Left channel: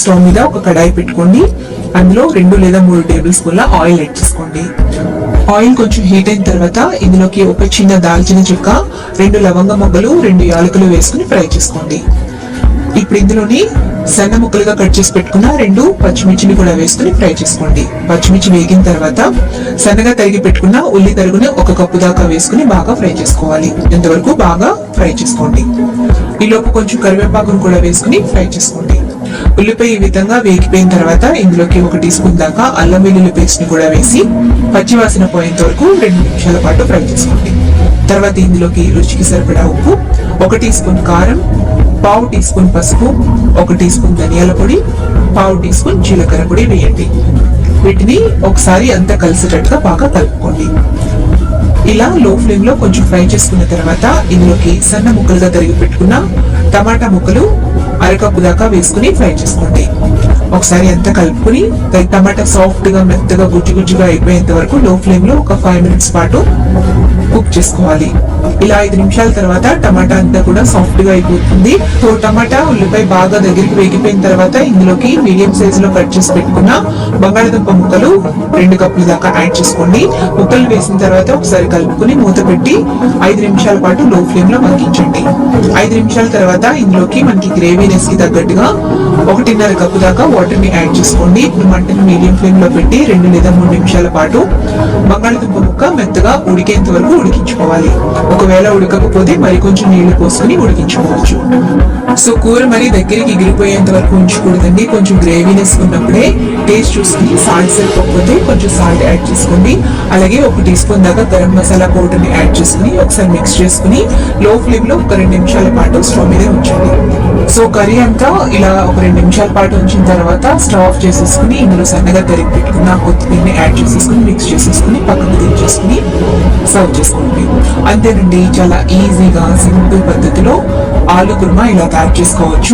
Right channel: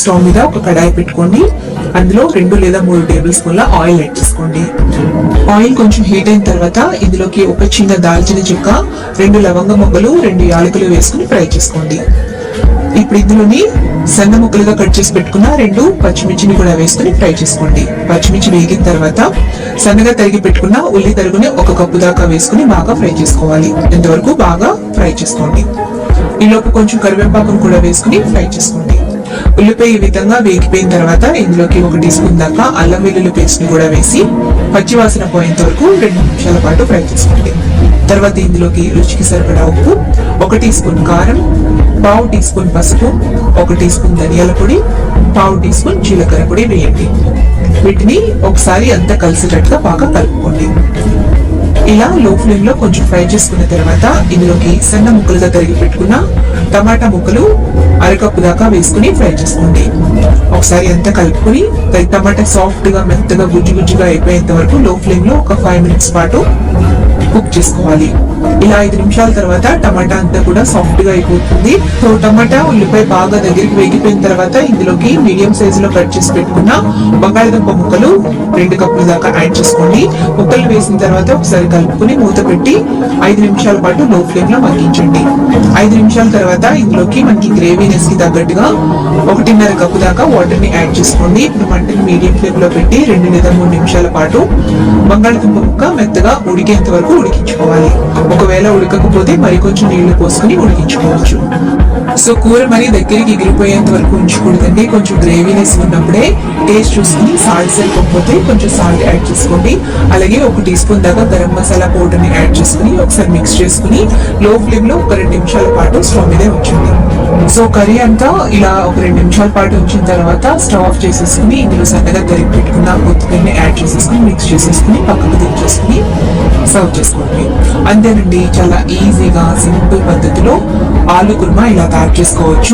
Stove మీద ఒక కడాయి పెట్టుకోండి. అందులో 2 లేదా 3 టేబుల్ స్పూన్ల ఆయిల్ యాడ్ చేసుకోండి. ఆయిల్ కొంచెం హీట్ అయిన తర్వాత ఇందులోకి ఒక చిన్న దాల్చిన చెక్క, 2 లవంగ మొగ్గలు, 2 యాలకులు వేసుకుని ఫ్రై చేసుకోండి. ఇప్పుడు ఇందులోని సన్న ముక్కలుగా కట్ చేసి పెట్టుకున్న 2 పచ్చిమిర్చిని కూడా వేసుకుని ఫ్రై చేసుకోండి. పచ్చిమిర్చి వేగిన తర్వాత సన్నగా తరిగి పెట్టుకున్న ఉల్లి తరుగుని 1 కప్పు దాకా వేసుకుని బాగా ఫ్రై చేసుకోవాలి. ఇంతవరకు బాగా ఫ్రై చేసుకోండి. ఈలోపు కొంచెం కరివేపాకును కూడా వేసుకుని ఫ్రై చేసుకోండి. ఉల్లిపాయ ఈ విధంగా వేగిపోయిన తర్వాత ఇందులోకి 1 టీ స్పూన్ దాకా అల్లం వెల్లుల్లి పేస్ట్ ని కూడా వేసి పచ్చివాసన పోయేంత వరకు 2 నిమిషాల పాటు ఫ్రై చేసుకోండి. తర్వాత ఇందులోకి రుచికి సరిపడా ఉప్పు, 1 టీ స్పూన్ కారం, 1/2 టీ స్పూన్ పసుపు, 1 టీ స్పూన్ ధనియాల పొడి, 1/2 టీ స్పూన్ జీలకర్ర పొడి వేయండి. వీటిని ఒకసారి అంతా కలిసేటట్టుగా బాగా కలుపుకోండి. ఇలా లో ఫ్లేమ్ లో కొంచెం ఫ్రై చేసుకున్న తర్వాత ఇందులోకి సన్న ముక్కలుగా తరిగి పెట్టుకున్న టమాటా ముక్కలు 1/2 కప్పు దాకా వేసుకుని ఫ్రై చేసుకోండి. ఒకసారి అంతా కలుపుకుని టమాటా సాఫ్ట్ గా మెత్తగా గుజ్జుగా అయిపోయేంత వరకు లో ఫ్లేమ్ లో ఒక 5 మినిట్స్ పాటు కుక్ చేసుకోవాలి. ఇలా 5 నిమిషాల తర్వాత టమాటా అంతా కూడా సాఫ్ట్ గా అయిపోతుంది. సో టమాటా ఉల్లిపాయ బాగా దగ్గరికి వేగిపోయిన తర్వాత ఇందులోకి మీడియం సైజ్ లో కట్ చేసి పెట్టుకున్న బంగాళదుంప ముక్కలు 2 కప్పుల దాకా యాడ్ చేసుకోండి. ముక్కలు వేసిన తర్వాత ఒకసారి కలుపుకుని మూత పెట్టి 5 నిమిషాల పాటు లో ఫ్లేమ్ లో మగ్గించండి. 5 నిమిషాల తర్వాత ఇందులోకి మనకి గ్రేవీనెస్ కి తగ్గట్టుగా 1.5 కప్పు దాకా వాటర్ ని యాడ్ చేసుకోండి. ఇప్పుడు మంటని మీడియం ఫ్లేమ్ లో పెట్టి 2 లేదా 3 నిమిషాల పాటు బంగాళదుంప ముక్క మెత్తగా ఉడికేంత వరకు ఉడికించుకోవాలి. ఒకవేళ ఉడకకపోతే మరి కొంచెం నీళ్లు పోసుకుని ఉడికించుకోవచ్చు. సో కూర మరి దగ్గరికి ఎగిరిపోయేంత వరకు ఉంచకూడదండి. కొంచెం గ్రేవీనెస్ ఉన్నప్పుడే టేస్ట్ చూసుకుని సాల్ట్ సరిపోకపోతే కొంచెం సాల్ట్ యాడ్ చేసుకోండి. అలాగే 1 టీ స్పూన్ దాకా గరం మసాలా పౌడర్ ని యాడ్ చేసుకుని ఒకసారి మిక్స్ చేసుకుని లో ఫ్లేమ్ లో ఒక 2 నిమిషాల పాటు స్టవ్ మీదే ఉంచండి. సో కర్రీ అంతా ఇలా ఒక 2 నిమిషాల పాటు ఉంచిన తర్వాత స్టవ్ ఆఫ్ చేసేసుకుని ఇందులో సన్నగా తరిగి పెట్టుకున్న కొత్తిమీరని యాడ్ చేసేసుకుని మిక్స్ చేసేసుకుని పక్కకు దించేసుకుని సర్వ్ చేసుకోండి. అంతేనండి, చాలా ఈజీగా సింపుల్ పద్ధతిలో ఆలు కుర్మా ఇలా తయారు చేసుకోవచ్చు.